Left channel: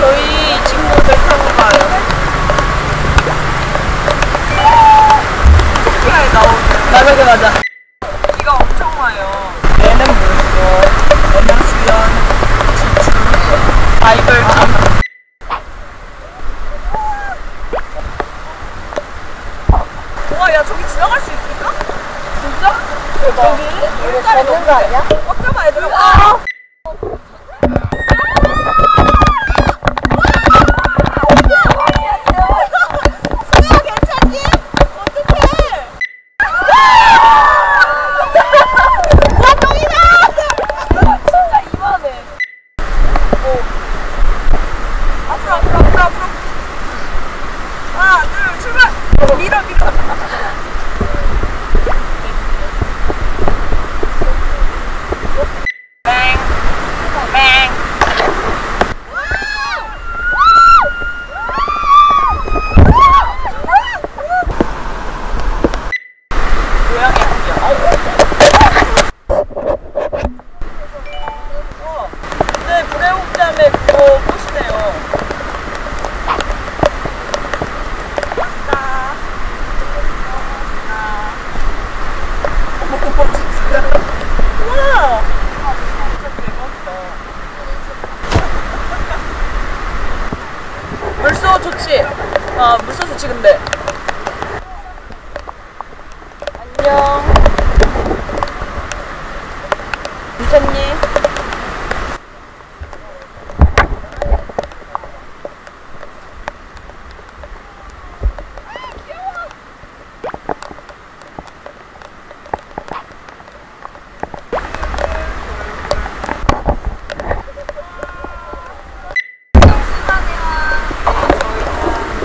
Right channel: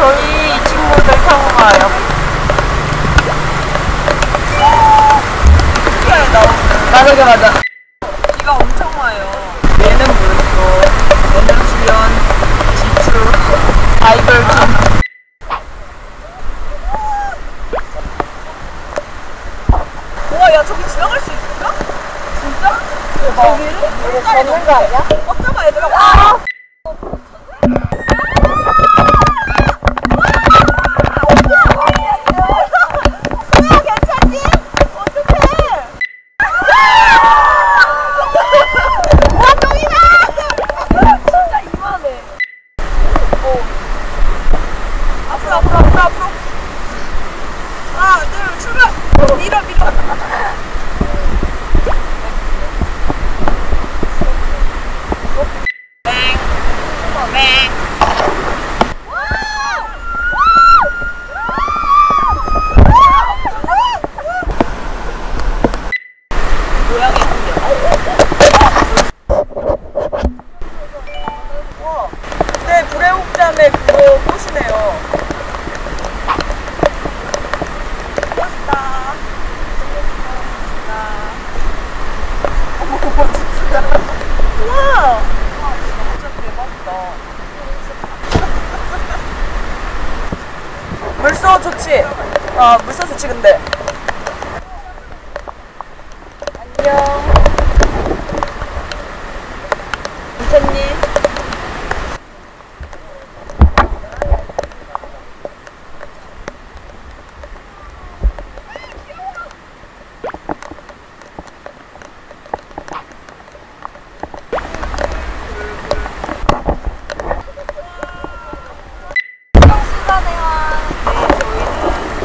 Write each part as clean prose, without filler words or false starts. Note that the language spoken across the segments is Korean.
저희 이 친구들 타고 가요. 토끼아에 나오는. 맞아. 비가 엄청 와요. 얘는 물소, 얘는 수연, 지추, 바이벌진. 와, 야, 저기 지나갈 수 있을까? 진짜? 대박. 여기를? 물살이 너무 세. 꽉 잡아야지. 아! 앞으로. 하나, 둘, 출발! 밀어. 맹. 고양이 한겨. 네, 구례옥잠의 그거 꽃이네요. 멋지다. 우와! 진짜 대박이다. 물소 좋지? 물소 좋지, 근데. 안녕. 괜찮니?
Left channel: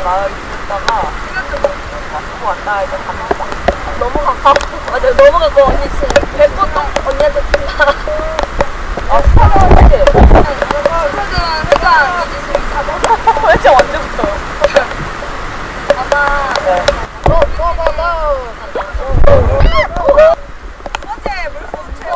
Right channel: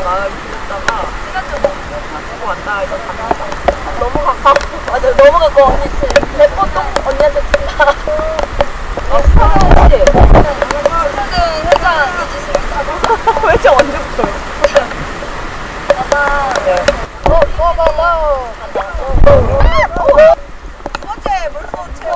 마을 들렸다가 시간좀 먹고 놔두고 왔다가 일단 갑니다. 너무 가까워. 맞아, 너무 가까워. 언니 진짜 100번 언니한테 친다. 수사전 그치? 수사전 회장 이지승이다. 회장 언제부터요? 아마 두 번째 물소 체험.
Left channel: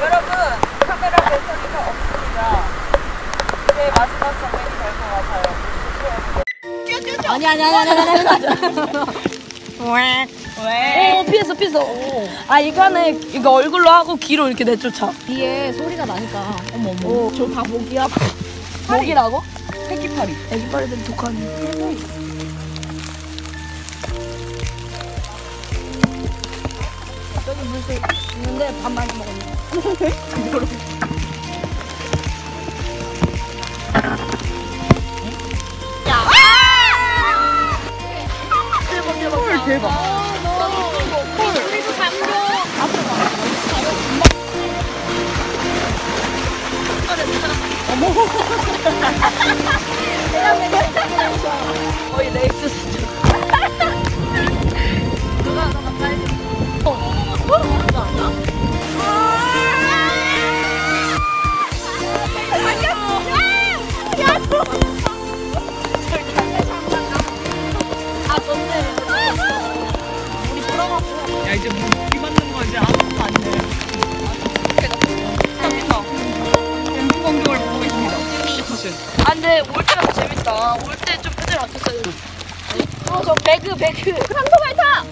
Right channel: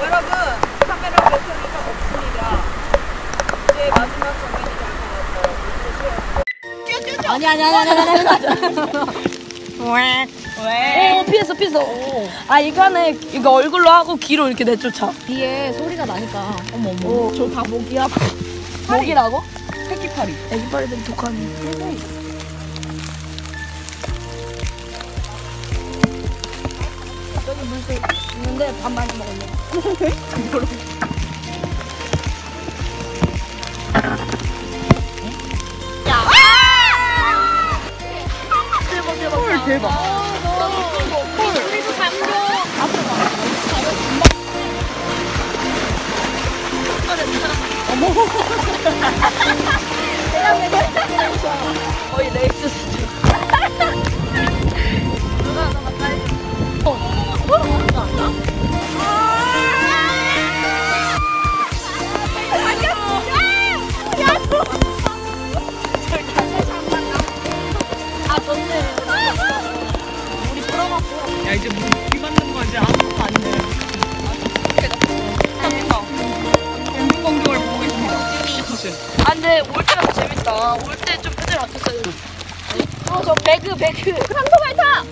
여러분, 카메라 배터리가 없습니다. 이제 마지막 장면이 될 것 같아요. 물소 체험. 아니. 왜? 피했어. 아, 이거 얼굴로 하고 귀로 이렇게 내쫓아. 뒤에 소리가 나니까. 어머. 저 다 목이야. 목이라고? 새끼파리. 애기파리들이 독하니. 저기 물소 있는데 밥 많이 먹었네. 이거로. 야! 대박. 우리도 감동. 앞으로 가. 어머. 거의 레이스 수준. 누가 하나 빨리. 그거 아니야? 아, 좋네. 우리 풀어갖고. 야, 이제 비 맞는 거 이제 아무것도 아니네. 엔딩 광경을 보고 계십니다. 사실. 아, 근데 올 때가 더 재밌다. 올 때 좀 패들 맞췄어야 돼. 저 배그. 상도발 타!